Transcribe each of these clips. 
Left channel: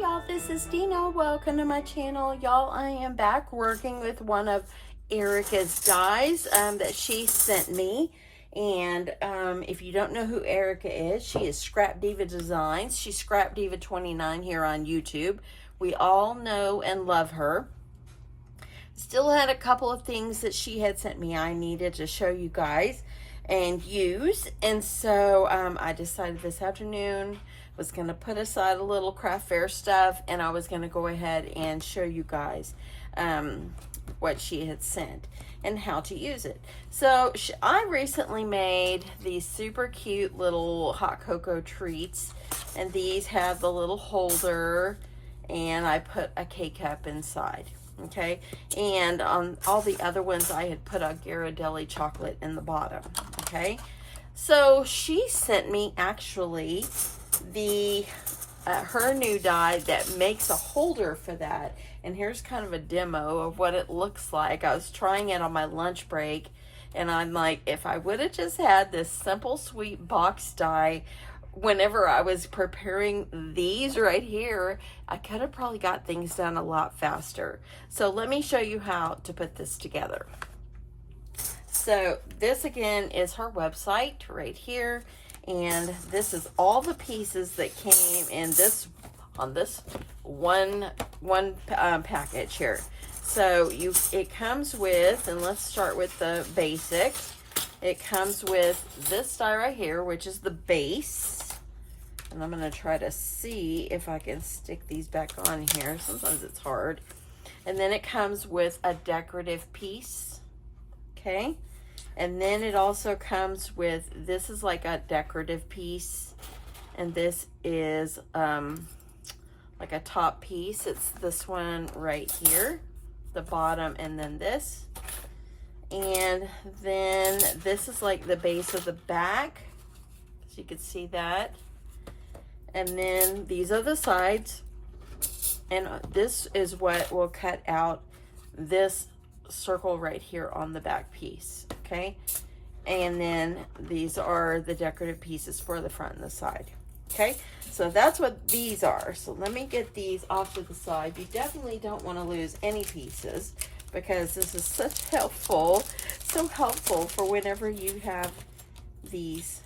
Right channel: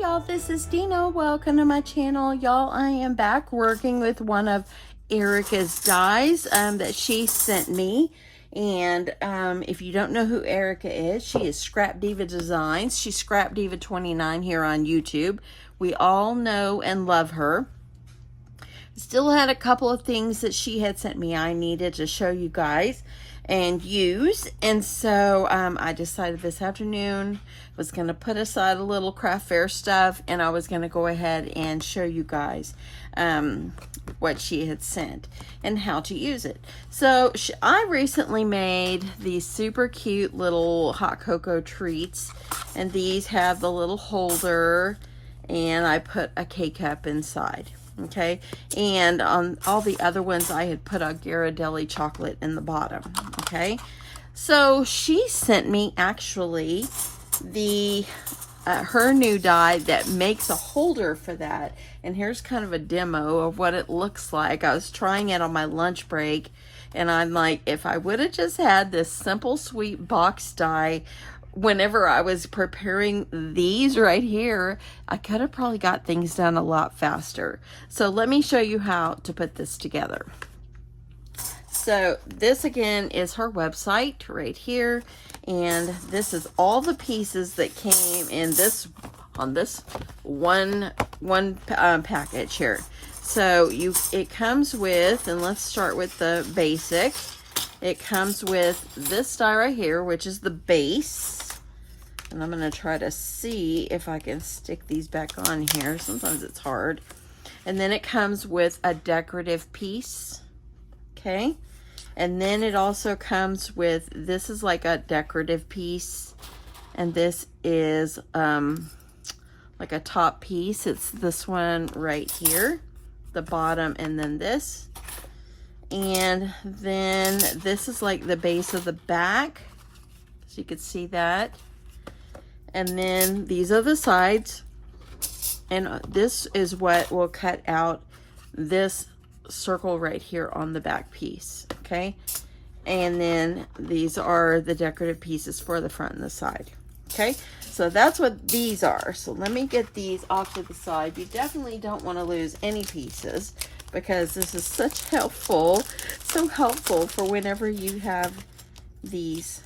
y'all, this is Dina. Welcome to my channel. Y'all, I am back working with one of Erica's dies that she sent me. And if you don't know who Erica is, she is Scrapdiva Designs. She's Scrapdiva 29 here on YouTube. We all know and love her. Still had a couple of things that she had sent me I needed to show you guys and use, and so I decided this afternoon was going to put aside a little craft fair stuff, and I was going to go ahead and show you guys what she had sent and how to use it. So I recently made these super cute little hot cocoa treats, and these have the little holder, and I put a K-cup inside. Okay, and on all the other ones I had put a Ghirardelli chocolate in the bottom. Okay, so she sent me actually the her new die that makes a holder for that, and here's kind of a demo of what it looks like. I was trying it on my lunch break, and I'm like, if I would have just had this simple sweet box die whenever I was preparing these right here, I could have probably got things done a lot faster. So let me show you how to put this together. So this again is her website right here, and this is all the pieces that came in this on this one package here. So it comes with, and let's start with the basic. It comes with this die right here, which is the base. And I'm going to try to see if I can stick these back on here. Sometimes it's hard. And then it comes with a decorative piece. Okay. And then it also comes with, this is like a decorative piece. And this is like a top piece. It's this one right here. The bottom, and then this. And then this is like the base of the back, so you can see that. And then these are the sides, and this is what will cut out this circle right here on the back piece. Okay, and then these are the decorative pieces for the front and the side. Okay, so that's what these are. So let me get these off to the side. You definitely don't want to lose any pieces, because this is such helpful, so helpful for whenever you have these,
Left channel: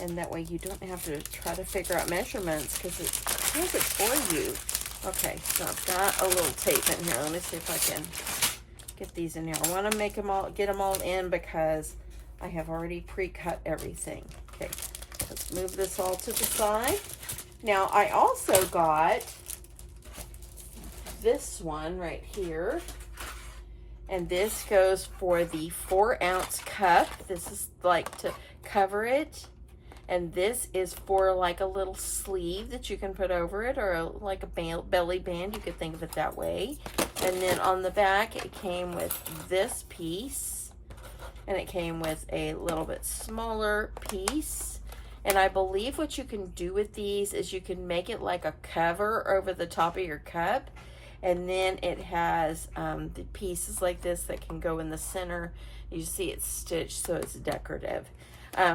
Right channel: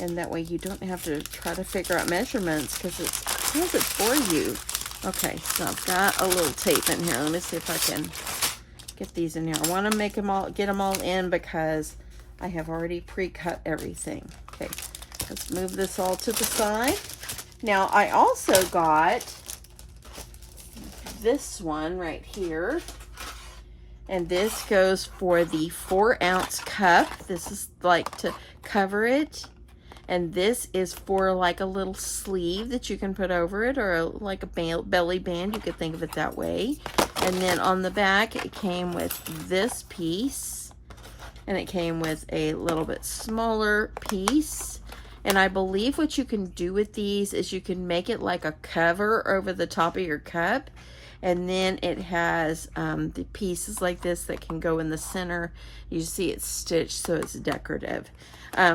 and that way you don't have to try to figure out measurements, because it has it for you. Okay, so I've got a little tape in here. Let me see if I can get these in here. I want to make them all, get them all in, because I have already pre-cut everything. Okay, let's move this all to the side. Now I also got this one right here, and this goes for the 4-ounce cup. This is like to cover it, and this is for like a little sleeve that you can put over it, or like a belly band, you could think of it that way. And then on the back it came with this piece, and it came with a little bit smaller piece. And I believe what you can do with these is you can make it like a cover over the top of your cup. And then it has the pieces like this that can go in the center. You see it's stitched, so it's decorative.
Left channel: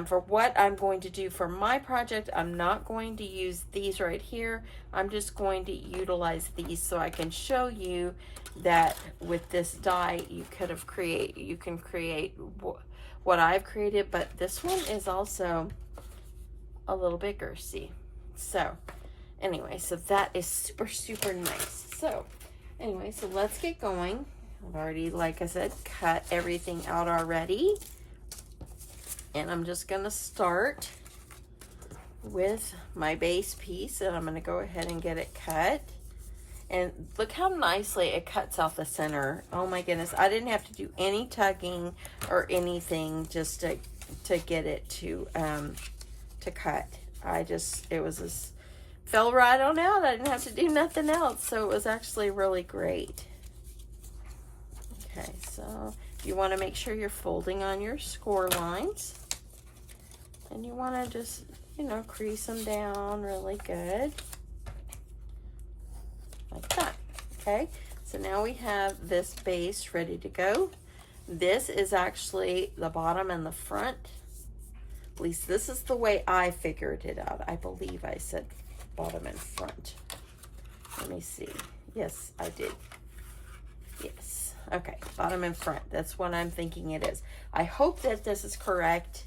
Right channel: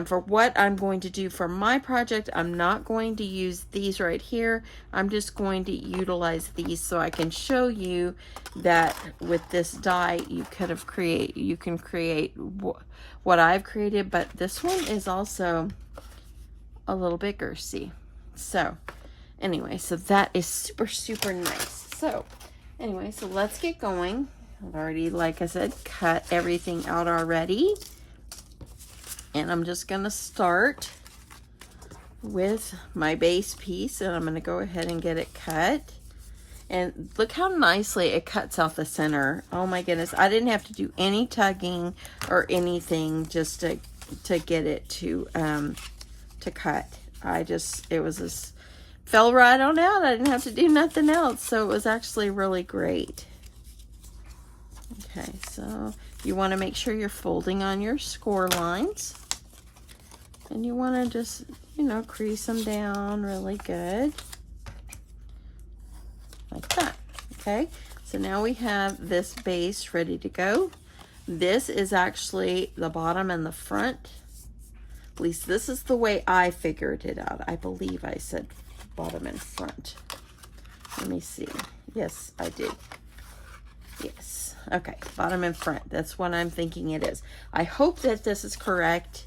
For what I'm going to do for my project, I'm not going to use these right here. I'm just going to utilize these so I can show you that with this die you can create what I've created, but this one is also a little bigger, see? So anyway, so that is super, super nice. So anyway, so let's get going. I've already, like I said, cut everything out already. And I'm just gonna start with my base piece, and I'm gonna go ahead and get it cut. And look how nicely it cuts out the center. Oh my goodness, I didn't have to do any tugging or anything just to get it to cut. It was just fell right on out. I didn't have to do nothing else, so it was actually really great. Okay, so you want to make sure you're folding on your score lines, and you want to just, you know, crease them down really good like that. Okay, so now we have this base ready to go. This is actually the bottom and the front. At least this is the way I figured it out. I believe I said bottom and front. Let me see. Yes, I did. Yes. Okay, bottom and front. That's what I'm thinking it is. I hope that this is correct,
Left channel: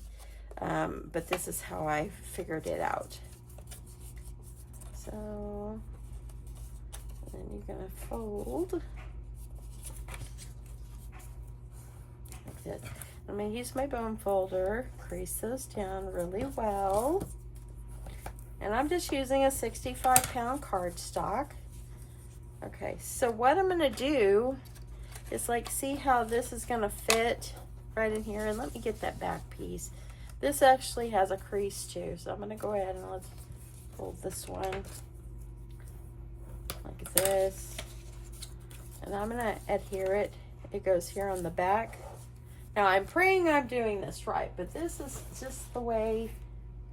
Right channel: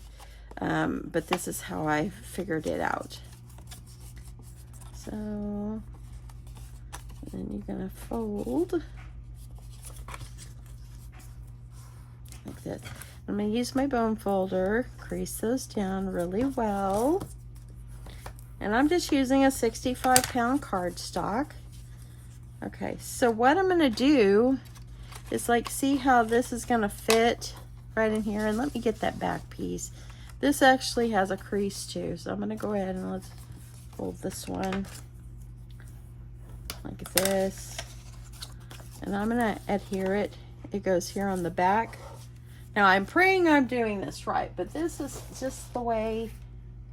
but this is how I figured it out. So then you're gonna fold like this. I'm gonna use my bone folder, crease those down really well. And I'm just using a 65-pound cardstock. Okay, so what I'm gonna do is like, see how this is gonna fit right in here? And let me get that back piece. This actually has a crease too, so I'm gonna go ahead and let's fold this one like this. And I'm gonna adhere it. It goes here on the back. Now I'm praying I'm doing this right, but this is just the way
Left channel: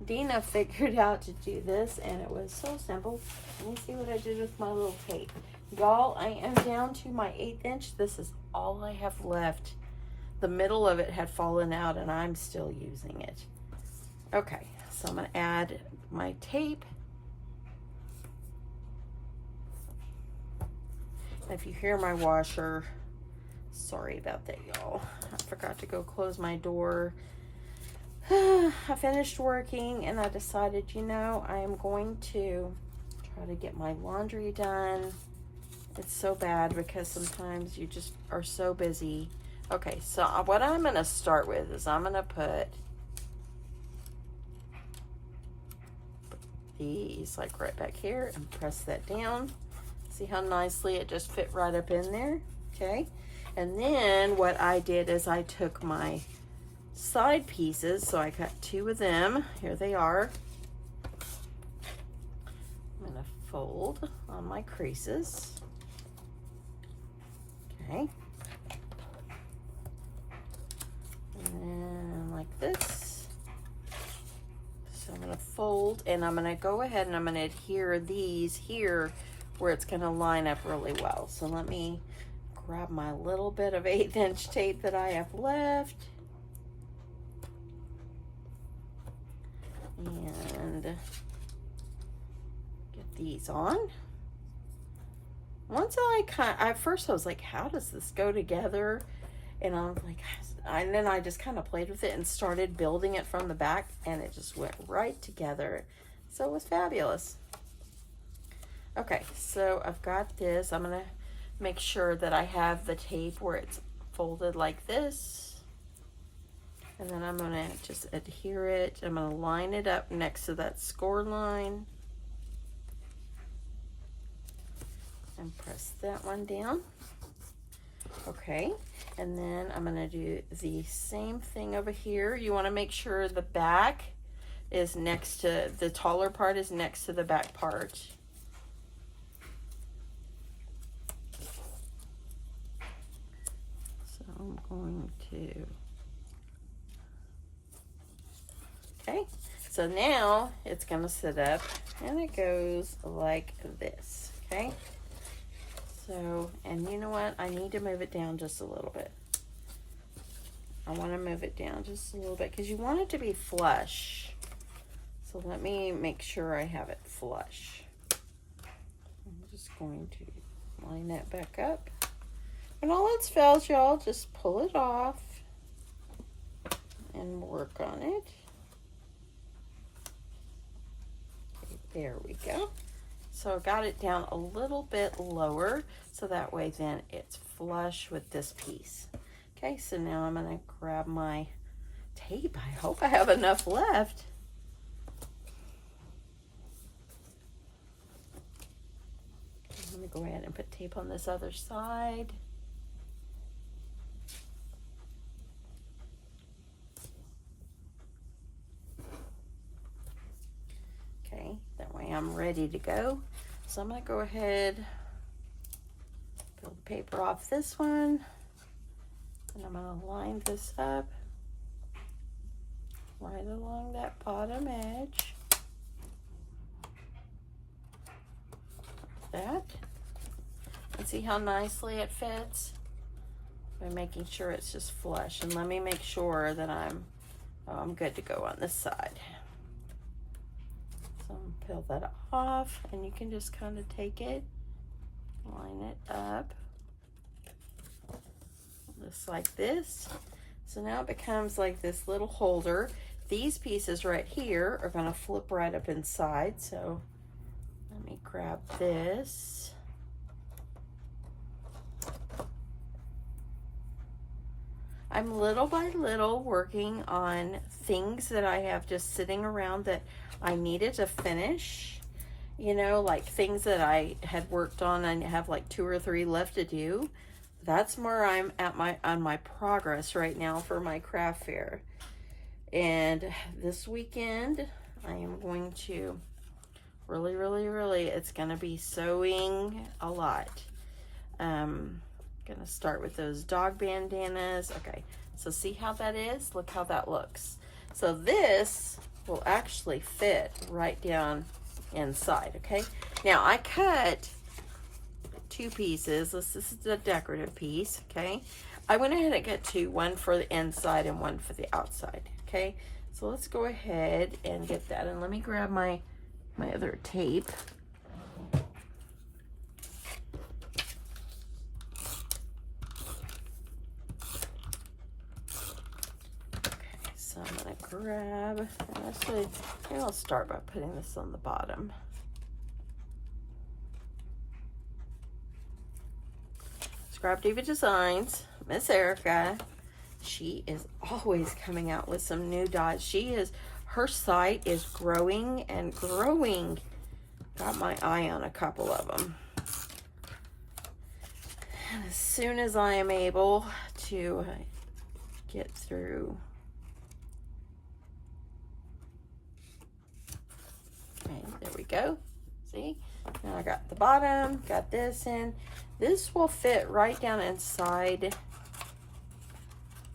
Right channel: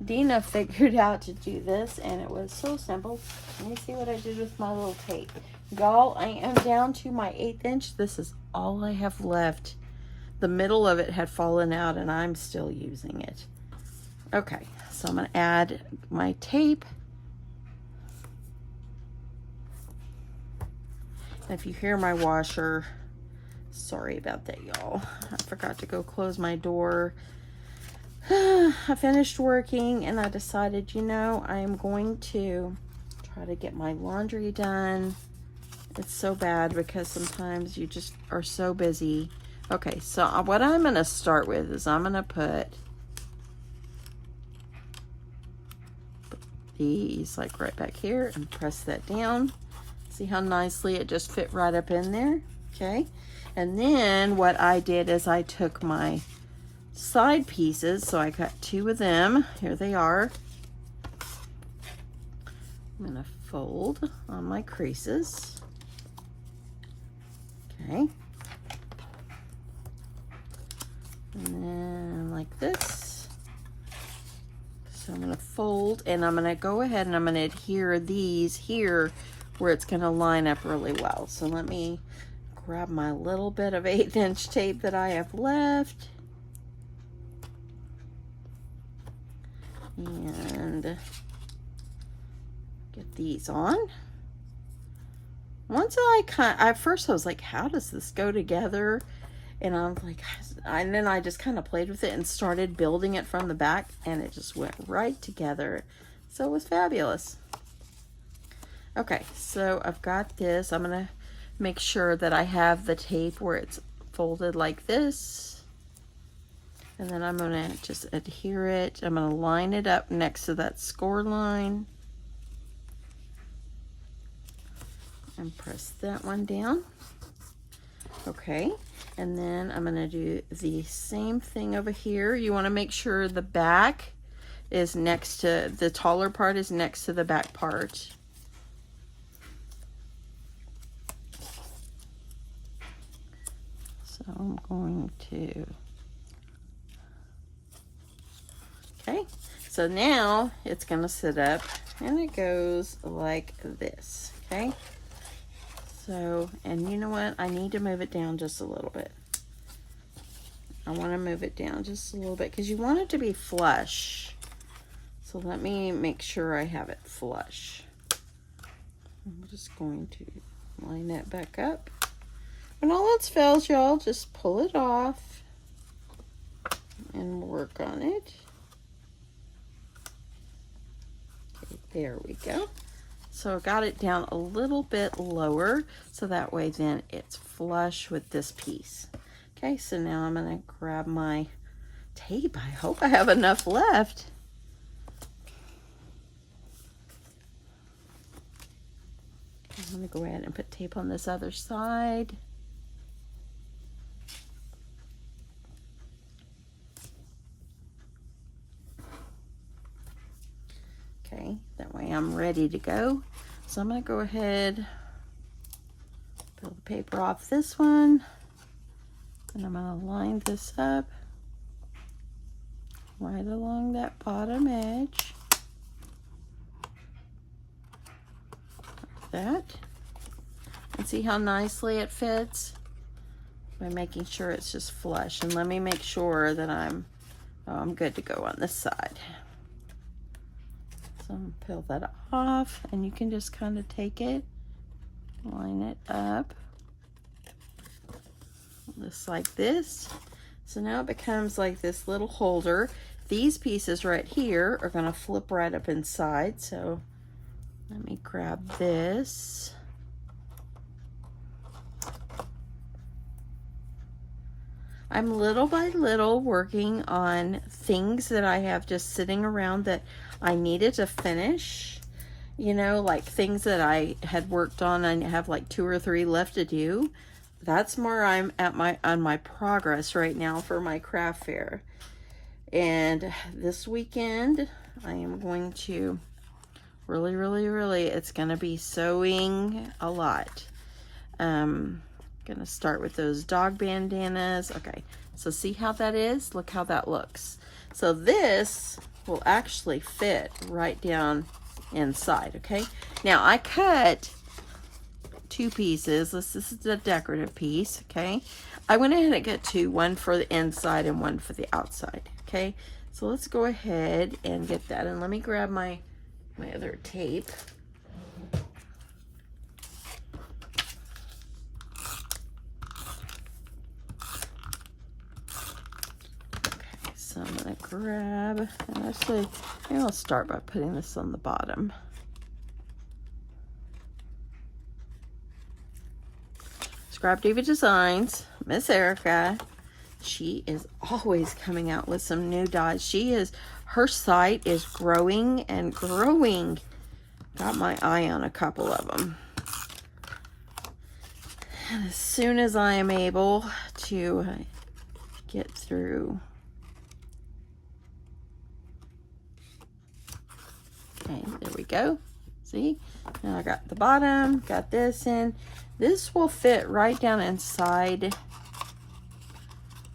Deanna figured out to do this, and it was so simple. Let me see what I did with my little tape. Y'all, I am down to my 1/8 inch. This is all I have left. The middle of it had fallen out and I'm still using it. Okay, so I'm gonna add my tape. If you hear my washer, sorry about that, y'all. I forgot to go close my door. I finished working and I decided, you know, I am going to try to get my laundry done. It's so bad because sometimes you just are so busy. Okay, so what I'm going to start with is I'm going to put these like right back here and press that down. See how nicely it just fit right up in there? Okay, and then what I did is I took my side pieces, so I cut 2 of them. Here they are. I'm going to fold on my creases. Okay. And then like this. So I'm going to fold, and I'm going to go ahead and I'm going to adhere these here where it's going to line up really well. So let me grab my little bit of 1/8 inch tape that I have left. And get these on. Once at first I was like, how does this go together? And I'm like, and then I just kind of played with it and started building it from the back, and it just went right together. So it was fabulous. Okay, so I've got this. I'm gonna make sure that I have the tape where it's folded like this. And then I'm gonna just adhere it. I'm gonna line it up next to that score line. And press that one down. Okay, and then I'm gonna do the same thing over here. You wanna make sure the back is next to, the taller part is next to the back part. So I'm going to, okay, so now it's gonna sit up and it goes like this, okay? So, and you know what? I need to move it down just a little bit. I want to move it down just a little bit because you want it to be flush. So let me make sure I have it flush. I'm just going to line that back up. When all else fails, y'all, just pull it off and work on it. Okay, there we go. So I got it down a little bit lower, so that way then it's flush with this piece. Okay, so now I'm gonna grab my tape. I hope I have enough left. I'm gonna go ahead and put tape on this other side. Okay, that way I'm ready to go. So I'm going to go ahead, peel the paper off this one, and I'm going to line this up right along that bottom edge, like that. And see how nicely it fits by making sure it's just flush. And let me make sure that I'm good to go on this side. So I'm gonna peel that off, and you can just kind of take it line it up just like this. So now it becomes like this little holder. These pieces right here are going to flip right up inside. So let me grab this. I'm little by little working on things that I have just sitting around that I needed to finish. You know, like things that I had worked on, I have like 2 or 3 left to do. That's where I'm at on my progress right now for my craft fair. And this weekend I am going to really, it's going to be sewing a lot. Gonna start with those dog bandanas. Okay, so see how that is? Look how that looks. So this will actually fit right down inside. Okay, now I cut 2 pieces. This is the decorative piece. Okay, I went ahead and got 2, one for the inside and one for the outside. Okay, so let's go ahead and get that, and let me grab my other tape. So I'm going to grab, and actually, maybe I'll start by putting this on the bottom. Scrapdiva Designs, Miss Erica. She is always coming out with some new dyes. Her site is growing and growing. Got my eye on a couple of them. And as soon as I am able to get through. Okay, there we go. See? Now I got the bottom, got this in. This will fit right down inside.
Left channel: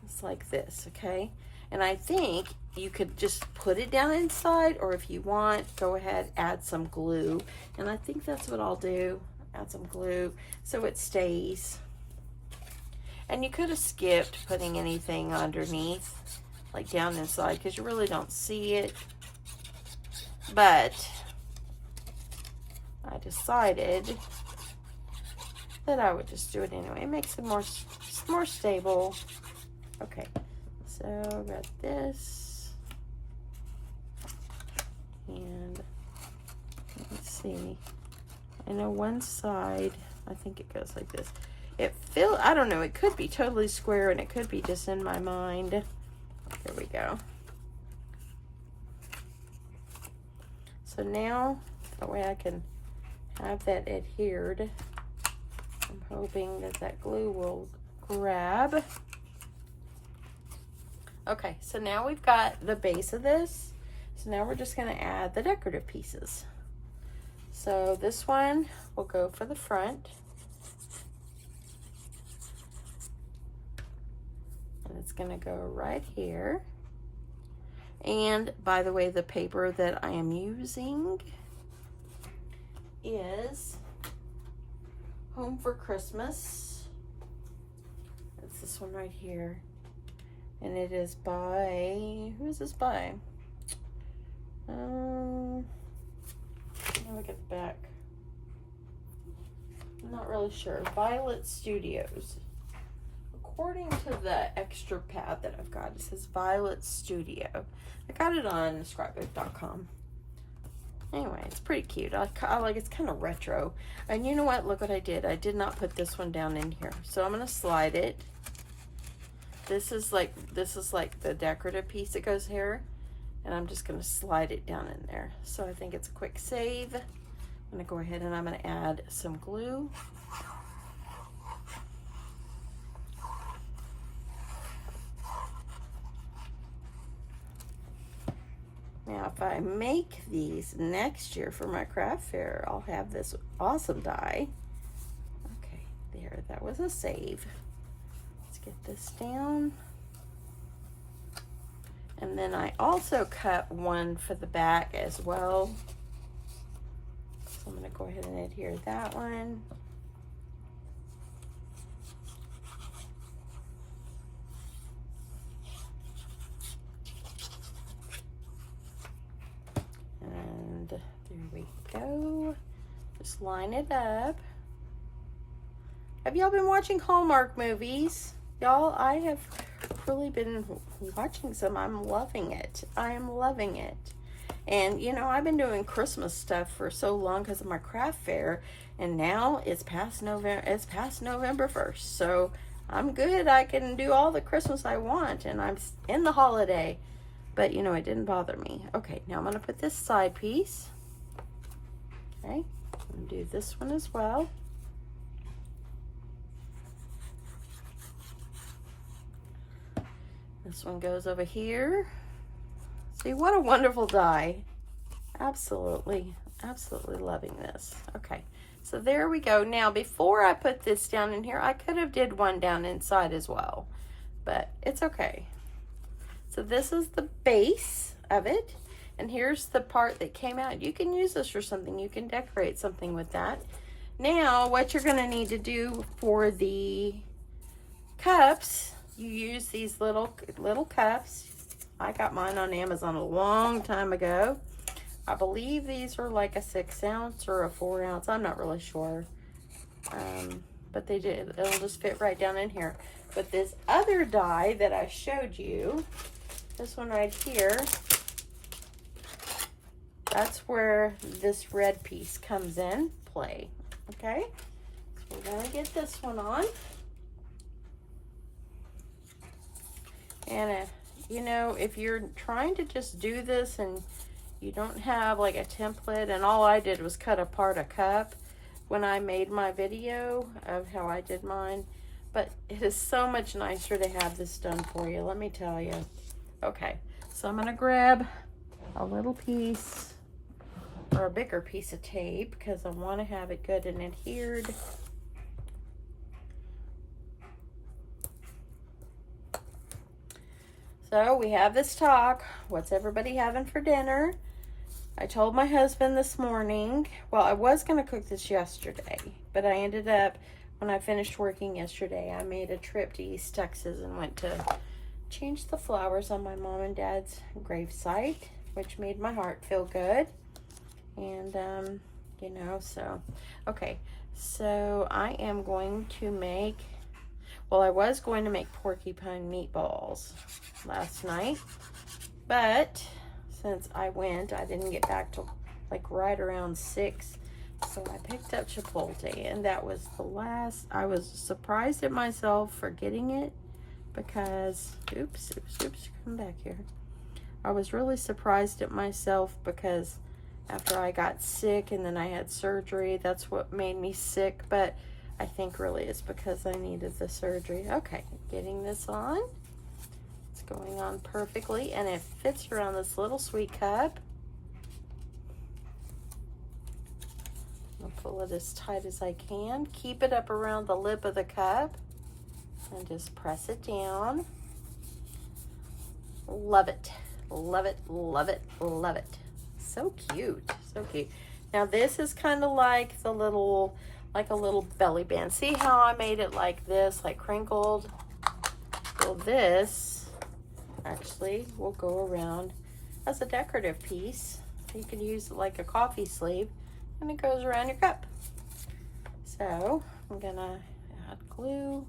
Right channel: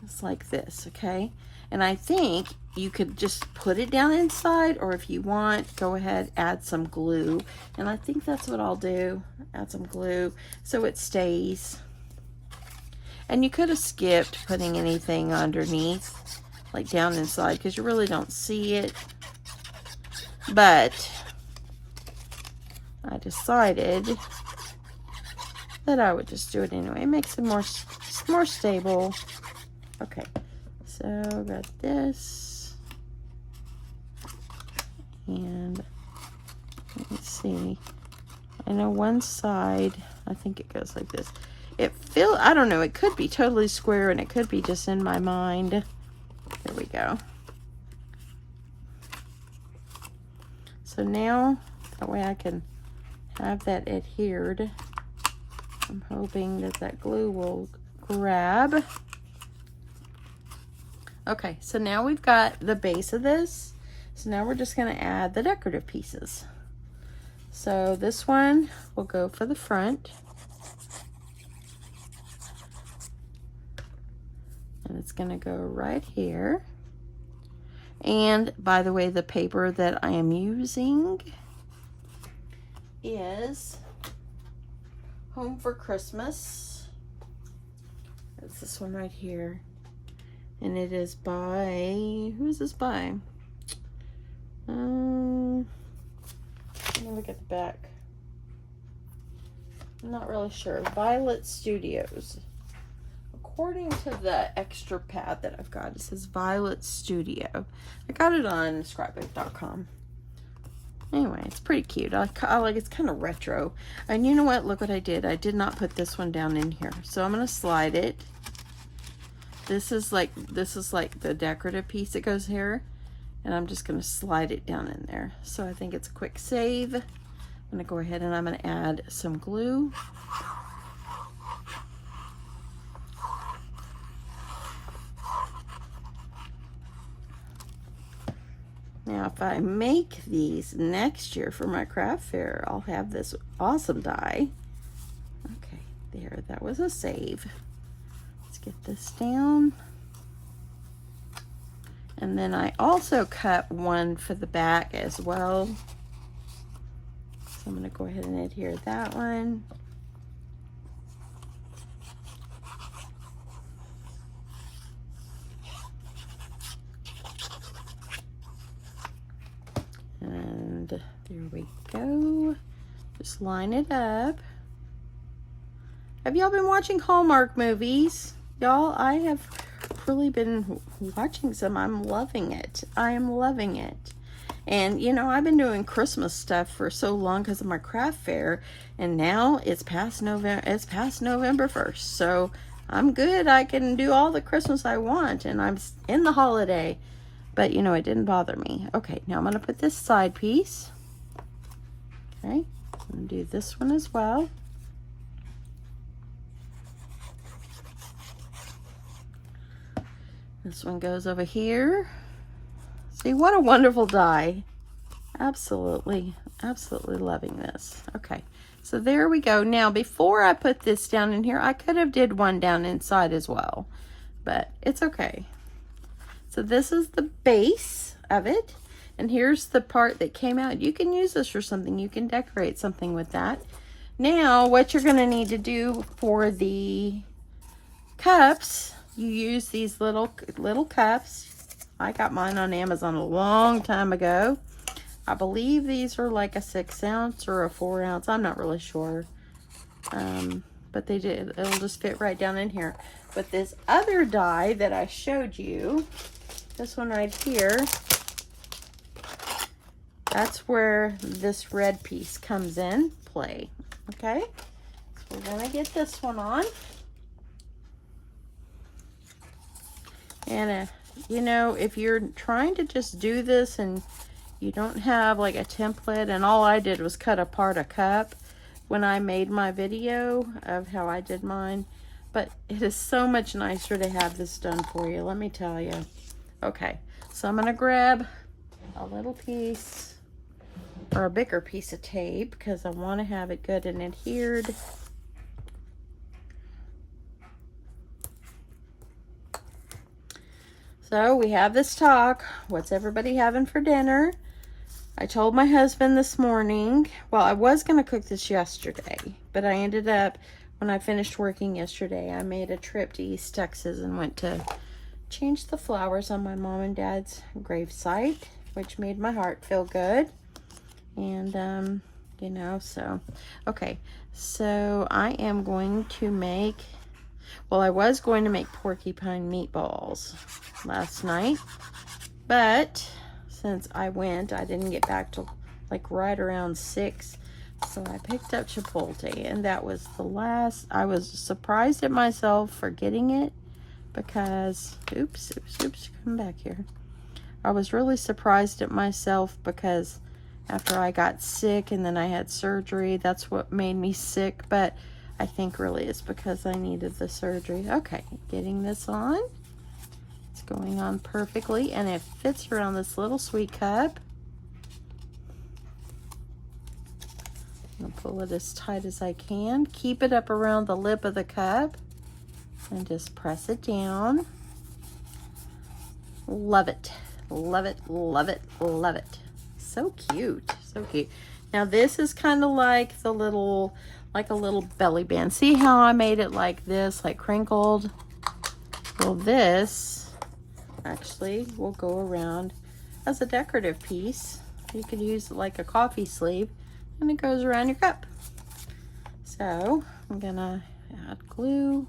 It's like this, okay? And I think you could just put it down inside, or if you want, go ahead, add some glue. And I think that's what I'll do. Add some glue so it stays. And you could have skipped putting anything underneath, like down inside, because you really don't see it. But I decided that I would just do it anyway. It makes it more stable. Okay, so got this, and let's see. I know one side, I think it goes like this. I don't know, it could be totally square and it could be just in my mind. There we go. So now, that way I can have that adhered. I'm hoping that that glue will grab. Okay, so now we've got the base of this. So now we're just going to add the decorative pieces. So this one will go for the front. And it's going to go right here. And by the way, the paper that I am using is Home for Christmas. It's this one right here. And it is by, who is this by? Let me look at the back. I'm not really sure. Violet Studios. According to the extra pad that I've got, it says Violet Studio. I got it on scrapbook.com. Anyway, it's pretty cute. I like it's kind of retro. And you know what? Look what I did. I did not put this one down in here. So I'm going to slide it. This is like the decorative piece that goes here. And I'm just going to slide it down in there. So I think it's a quick save. I'm going to go ahead and I'm going to add some glue. Now, if I make these next year for my craft fair, I'll have this awesome die. Okay, there, that was a save. Let's get this down. And then I also cut one for the back as well. So I'm going to go ahead and adhere that one. And there we go. Just line it up. Have y'all been watching Hallmark movies? Y'all, I have really been watching some. I'm loving it. I am loving it. And, you know, I've been doing Christmas stuff for so long because of my craft fair. And now it's past November. It's past November 1st. So I'm good. I can do all the Christmas I want. And I'm in the holiday. But, you know, it didn't bother me. Okay, now I'm going to put this side piece. Okay, I'm going to do this one as well. This one goes over here. See, what a wonderful die. Absolutely, absolutely loving this. Okay, so there we go. Now, before I put this down in here, I could have did one down inside as well, but it's okay. So this is the base of it, and here's the part that came out. You can use this for something. You can decorate something with that. Now, what you're gonna need to do for the cups, you use these little cups. I got mine on Amazon a long time ago. I believe these are like a 6 ounce or a 4 ounce. I'm not really sure. But they did. It'll just fit right down in here. But this other die that I showed you, this one right here, that's where this red piece comes in play. Okay? So we're going to get this one on. And you know, if you're trying to just do this and you don't have like a template, and all I did was cut apart a cup when I made my video of how I did mine, but it is so much nicer to have this done for you, let me tell you. Okay, so I'm gonna grab a little piece or a bigger piece of tape because I want to have it good and adhered. So we have this talk. What's everybody having for dinner? I told my husband this morning, well, I was going to cook this yesterday, but I ended up, when I finished working yesterday, I made a trip to East Texas and went to change the flowers on my mom and dad's gravesite, which made my heart feel good. And, you know, so, okay. So I am going to make, well, I was going to make porcupine meatballs last night, but since I went, I didn't get back till like right around 6, so I picked up Chipotle, and that was the last. I was surprised at myself for getting it because, oops, come back here. I was really surprised at myself because after I got sick and then I had surgery, that's what made me sick, but I think really it's because I needed the surgery. Okay, getting this on. It's going on perfectly, and it fits around this little sweet cup. I'll pull it as tight as I can. Keep it up around the lip of the cup and just press it down. Love it, love it, love it, love it. So cute, so cute. Now this is kind of like the little, like a little belly band. See how I made it like this, like crinkled? Well, this actually will go around as a decorative piece. You could use it like a coffee sleeve, and it goes around your cup. So I'm gonna add glue.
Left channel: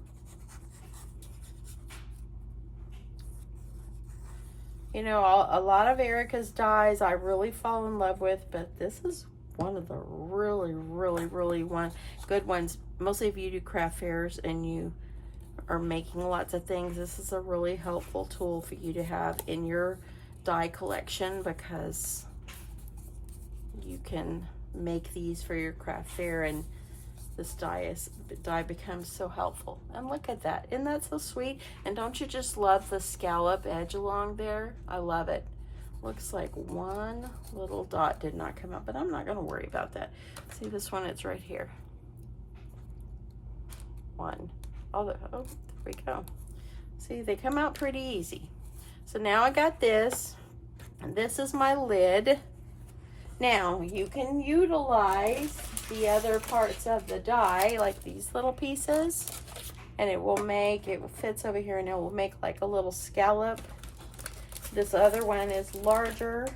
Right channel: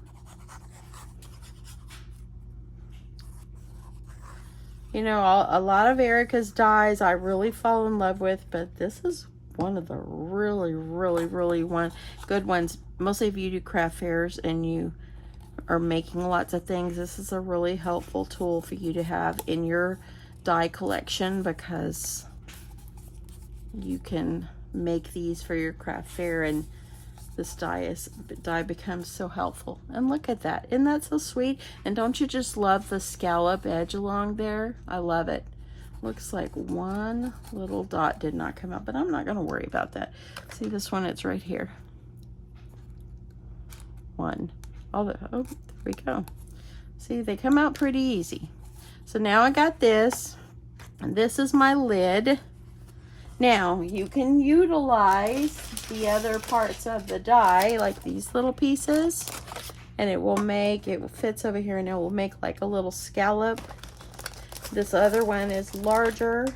You know, a lot of Erica's dies I really fall in love with, but this is one of the really good ones. Mostly if you do craft fairs and you are making lots of things, this is a really helpful tool for you to have in your die collection, because you can make these for your craft fair, and this die becomes so helpful. And look at that, isn't that so sweet? And don't you just love the scallop edge along there? I love it. Looks like one little dot did not come out, but I'm not going to worry about that. See this one? It's right here. One. Oh, there we go. See, they come out pretty easy. So now I got this, and this is my lid. Now you can utilize the other parts of the die, like these little pieces, and it will make, it fits over here, and it will make like a little scallop. This other one is larger,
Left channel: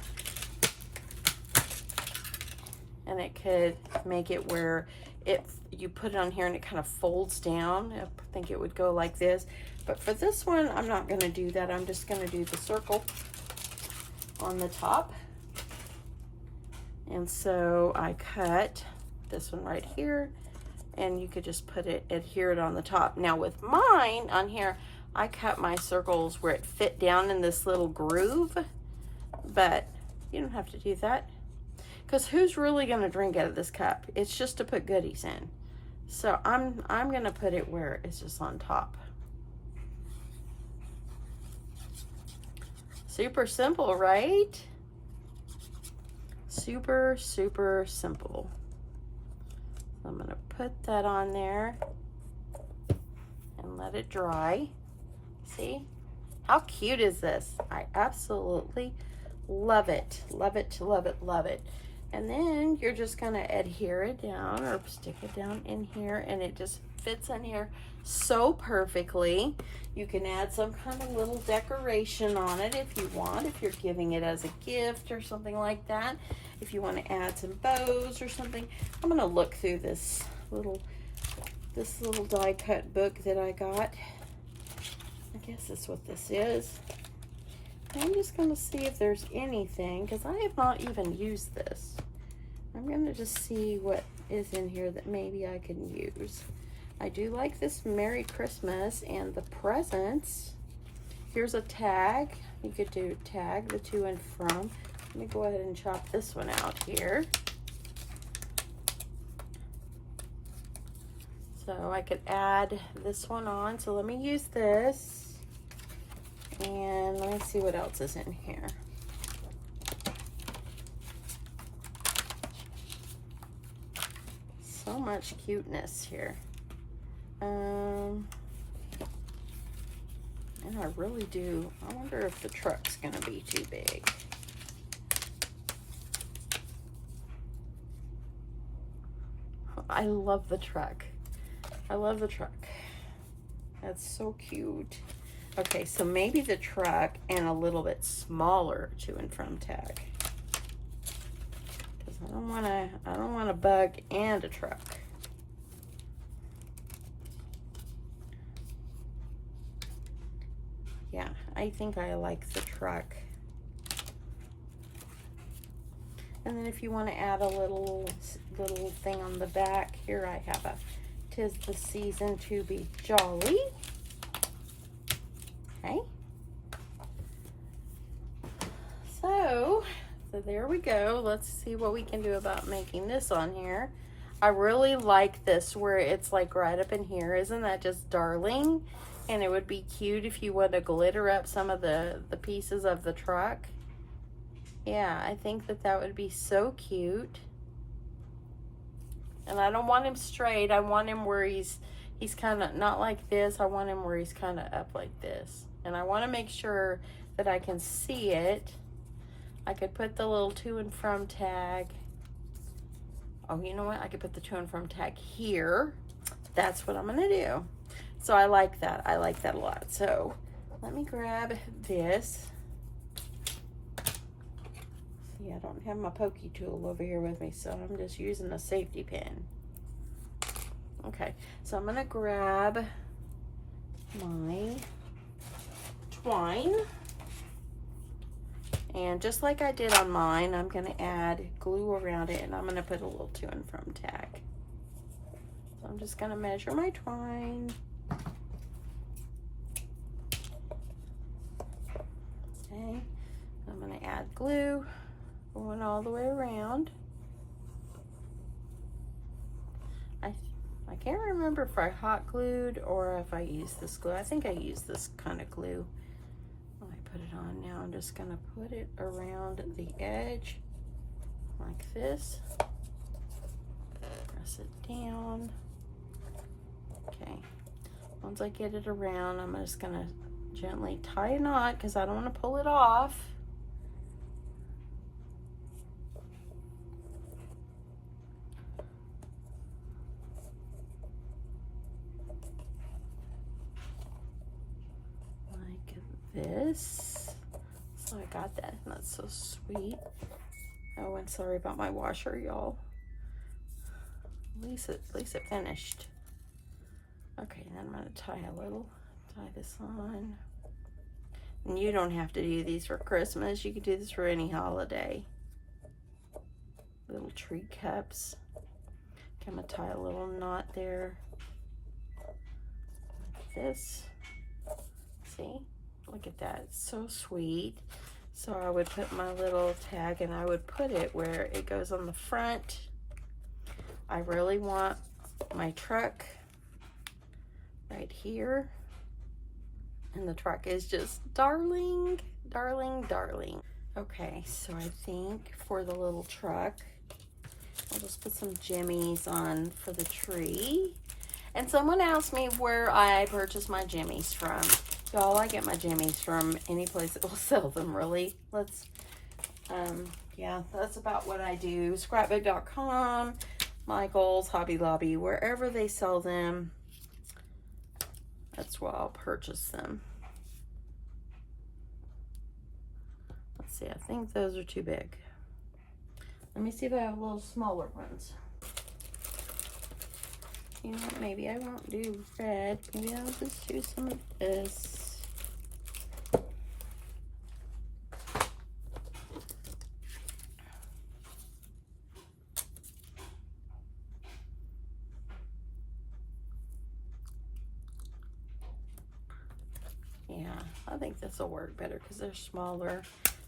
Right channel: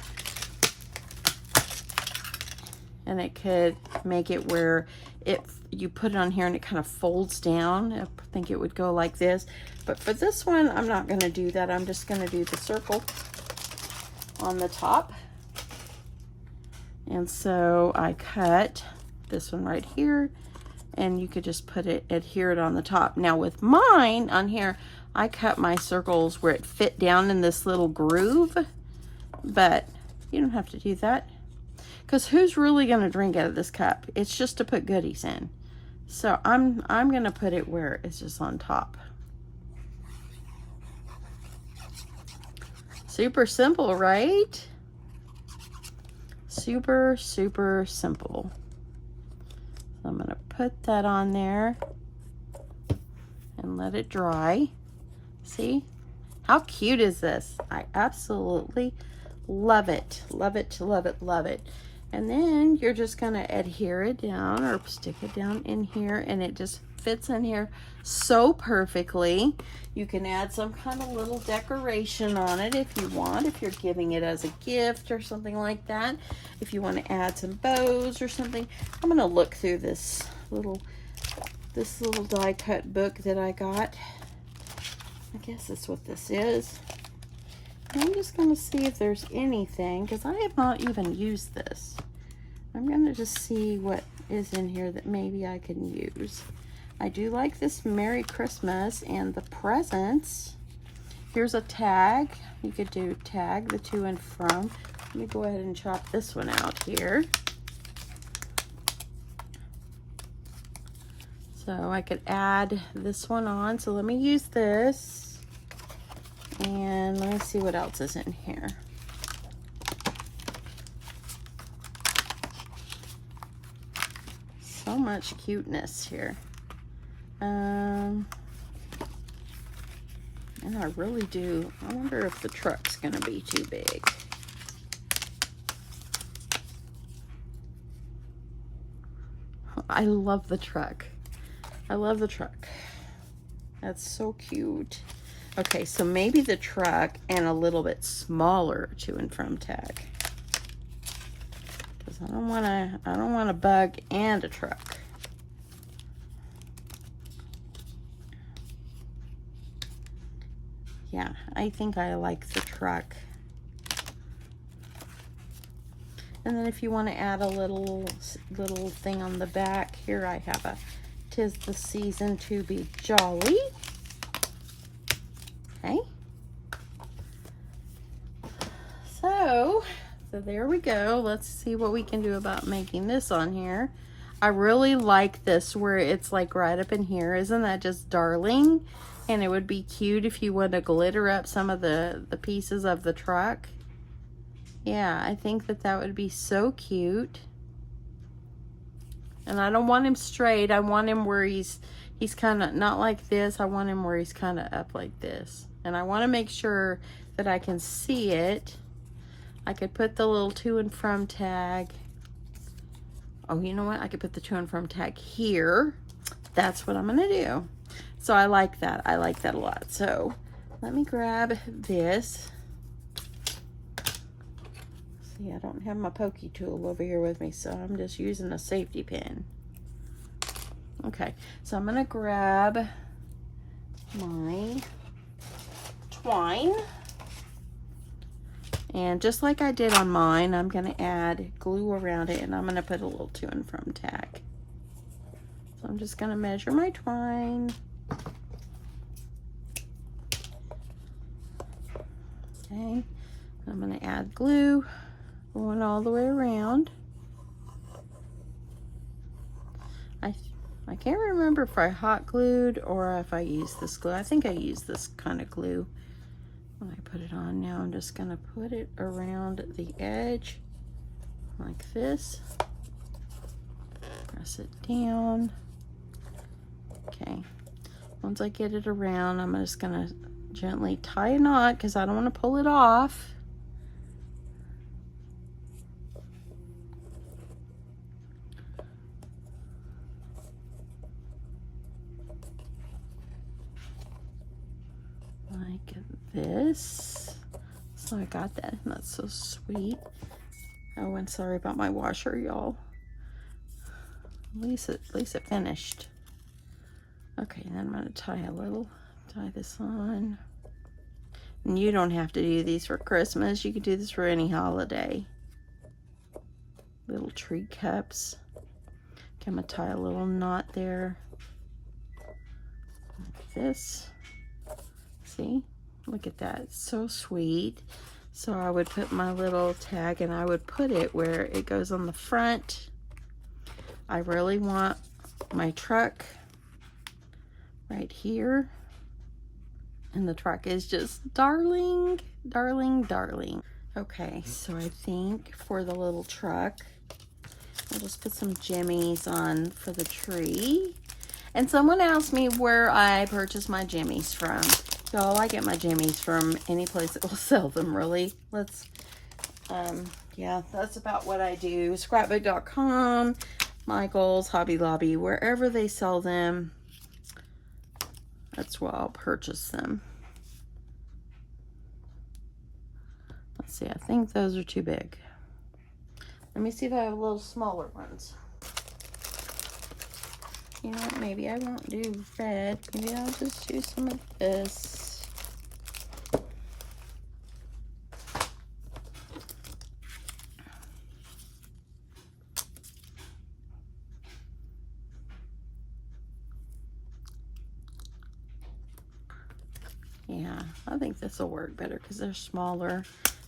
and it could make it where you put it on here and it kind of folds down. I think it would go like this, but for this one I'm not going to do that. I'm just going to do the circle on the top. And so I cut this one right here, and you could just put it, adhere it on the top. Now with mine on here, I cut my circles where it fit down in this little groove, but you don't have to do that, because who's really going to drink out of this cup? It's just to put goodies in. So I'm going to put it where it's just on top. Super simple, right? Super, super simple. So I'm going to put that on there and let it dry. See? How cute is this? I absolutely love it. Love it, love it, love it. And then you're just going to adhere it down or stick it down in here, and it just fits in here so perfectly. You can add some kind of little decoration on it if you want, if you're giving it as a gift or something like that. If you want to add some bows or something. I'm going to look through this little die cut book that I got. I guess that's what this is. I'm just going to see if there's anything, because I have not even used this. I'm going to just see what is in here that maybe I can use. I do like this Merry Christmas and the presents. Here's a tag. You could do tag the to and from. Let me go ahead and chop this one out here. So I could add this one on. So let me use this. And let me see what else is in here. So much cuteness here. And I really do. I wonder if the truck's gonna be too big. I love the truck. I love the truck. That's so cute. Okay, so maybe the truck and a little bit smaller to and from tag. Because I don't want a bug and a truck. Yeah, I think I like the truck. And then if you want to add a little thing on the back, here I have a "'Tis the season to be jolly." Okay. So there we go. Let's see what we can do about making this on here. I really like this where it's like right up in here. Isn't that just darling? And it would be cute if you want to glitter up some of the pieces of the truck. Yeah, I think that would be so cute. And I don't want him straight. I want him where he's kind of not like this. I want him where he's kind of up like this. And I want to make sure that I can see it. I could put the little to and from tag. Oh, you know what? I could put the to and from tag here. That's what I'm going to do. So I like that. I like that a lot. So let me grab this. See, I don't have my pokey tool over here with me, so I'm just using a safety pin. Okay, so I'm going to grab my twine. And just like I did on mine, I'm going to add glue around it, and I'm going to put a little to and from tag. So I'm just going to measure my twine. Okay, I'm going to add glue going all the way around. I can't remember if I hot glued or if I used this glue. I think I used this kind of glue. When I put it on now, I'm just going to put it around the edge like this. Press it down. Okay. Once I get it around, I'm just going to gently tie a knot because I don't want to pull it off. Like this. So I got that. That's so sweet. Oh, and sorry about my washer, y'all. At least it finished. Okay, then I'm gonna tie this on. And you don't have to do these for Christmas. You could do this for any holiday. Little tree cups. Okay, I'm gonna tie a little knot there. Like this. See? Look at that. It's so sweet. So I would put my little tag and I would put it where it goes on the front. I really want my truck right here. And the truck is just darling, darling, darling. Okay, so I think for the little truck, I'll just put some jimmies on for the tree. And someone asked me where I purchase my jimmies from. So I get my jimmies from any place that will sell them, really. Yeah, that's about what I do. Scrapbook.com, Michael's, Hobby Lobby, wherever they sell them, that's where I'll purchase them. Let's see, I think those are too big. Let me see if I have little smaller ones. You know what, maybe I won't do red. Maybe I'll just do some of this. Yeah, I think this will work better because they're smaller.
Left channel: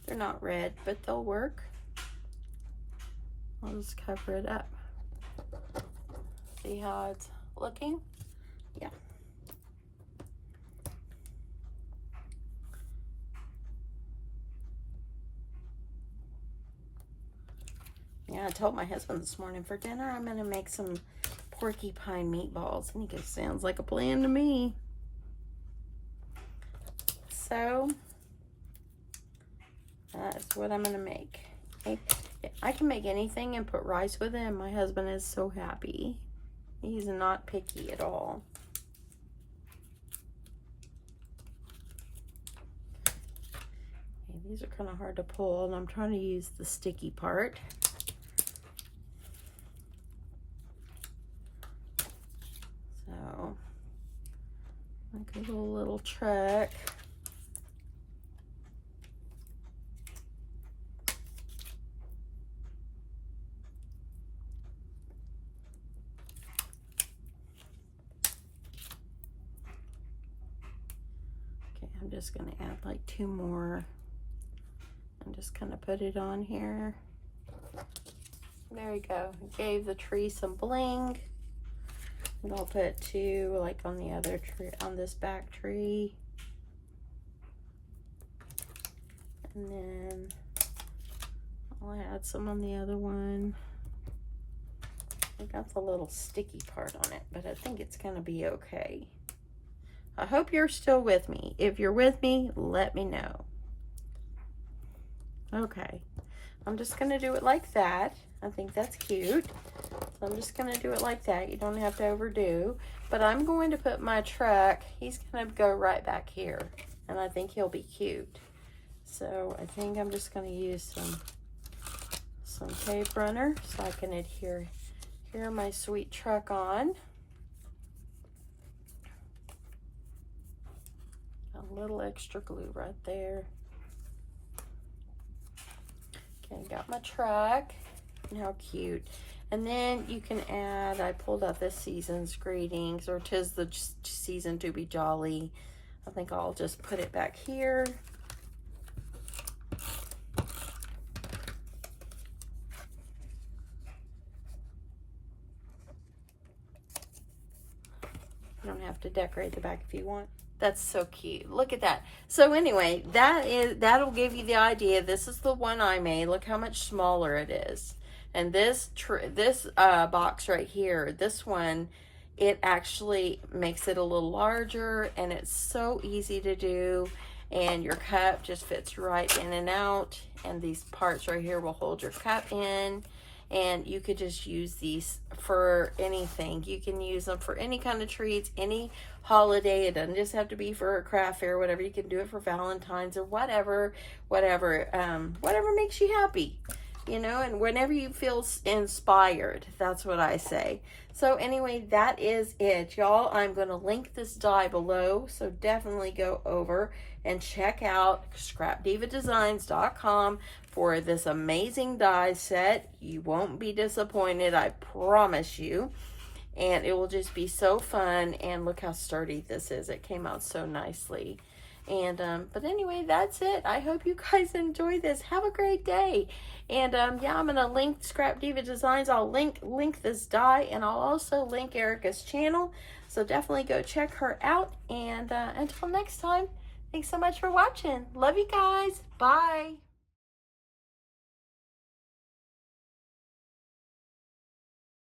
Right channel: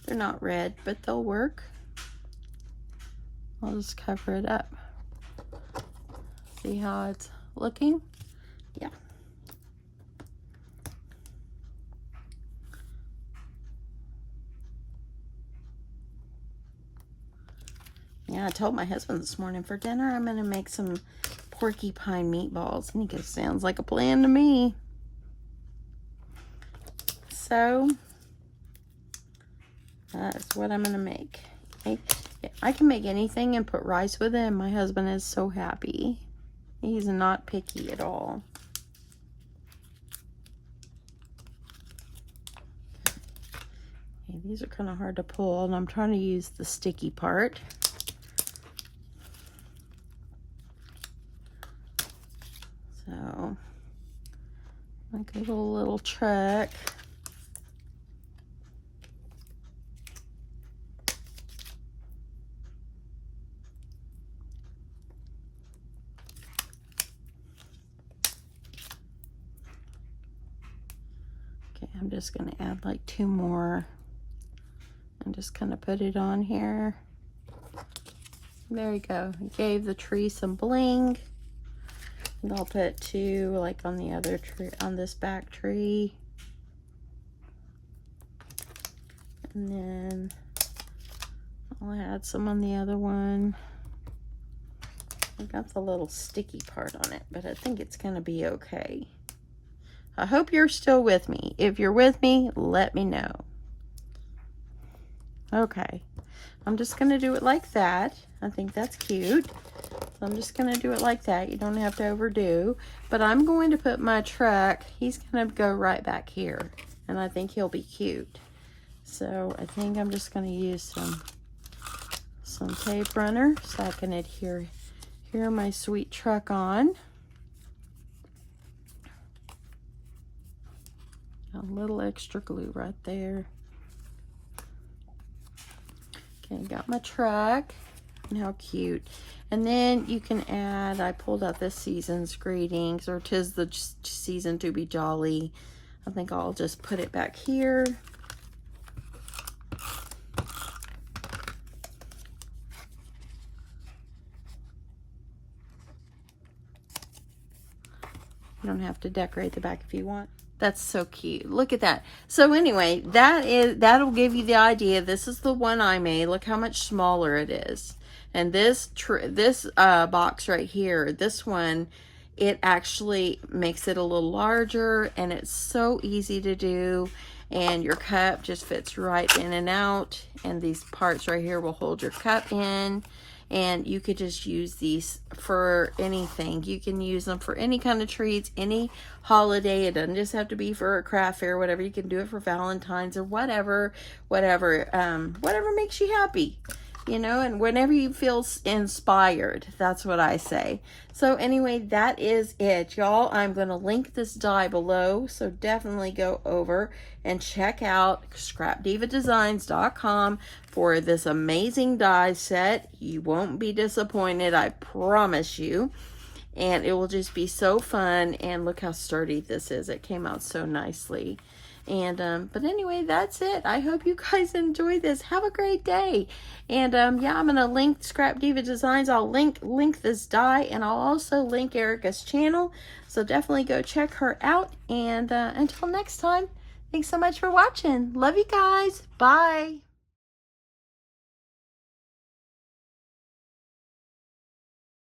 They're not red, but they'll work. I'll just cover it up. See how it's looking? Yeah. Yeah, I told my husband this morning for dinner I'm gonna make some porcupine meatballs, and he goes, sounds like a plan to me. So that's what I'm gonna make. Okay. I can make anything and put rice with it, and my husband is so happy. He's not picky at all. Okay, these are kind of hard to pull, and I'm trying to use the sticky part. So, like a little truck. I'm just going to add like 2 more and just kind of put it on here. There you go. Gave the tree some bling. And I'll put 2 like on the other tree, on this back tree. And then I'll add some on the other one. I got the little sticky part on it, but I think it's going to be okay. I hope you're still with me. If you're with me, let me know. Okay, I'm just gonna do it like that. I think that's cute. I'm just gonna do it like that. You don't have to overdo, but I'm going to put my truck, he's gonna go right back here, and I think he'll be cute. So I think I'm just gonna use some tape runner so I can adhere my sweet truck on. A little extra glue right there. Okay, got my truck. How cute. And then you can add, I pulled out this season's greetings, or 'tis the season to be jolly. I think I'll just put it back here. You don't have to decorate the back if you want. That's so cute. Look at that. So anyway, that'll give you the idea. This is the one I made. Look how much smaller it is. And this box right here, this one, it actually makes it a little larger, and it's so easy to do. And your cup just fits right in and out. And these parts right here will hold your cup in. And you could just use these for anything. You can use them for any kind of treats, any holiday. It doesn't just have to be for a craft fair, whatever. You can do it for Valentine's or whatever makes you happy. you know, and whenever you feel inspired, that's what I say. So anyway, that is it, y'all. I'm going to link this die below, so definitely go over and check out scrapdivadesigns.com for this amazing die set. You won't be disappointed, I promise you. And it will just be so fun. And look how sturdy this is. It came out so nicely. And but anyway, that's it. I hope you guys enjoy this. Have a great day. And yeah, I'm gonna link Scrap Diva Designs. I'll link this die, and I'll also link Erica's channel, so definitely go check her out. And until next time, thanks so much for watching. Love you guys. Bye.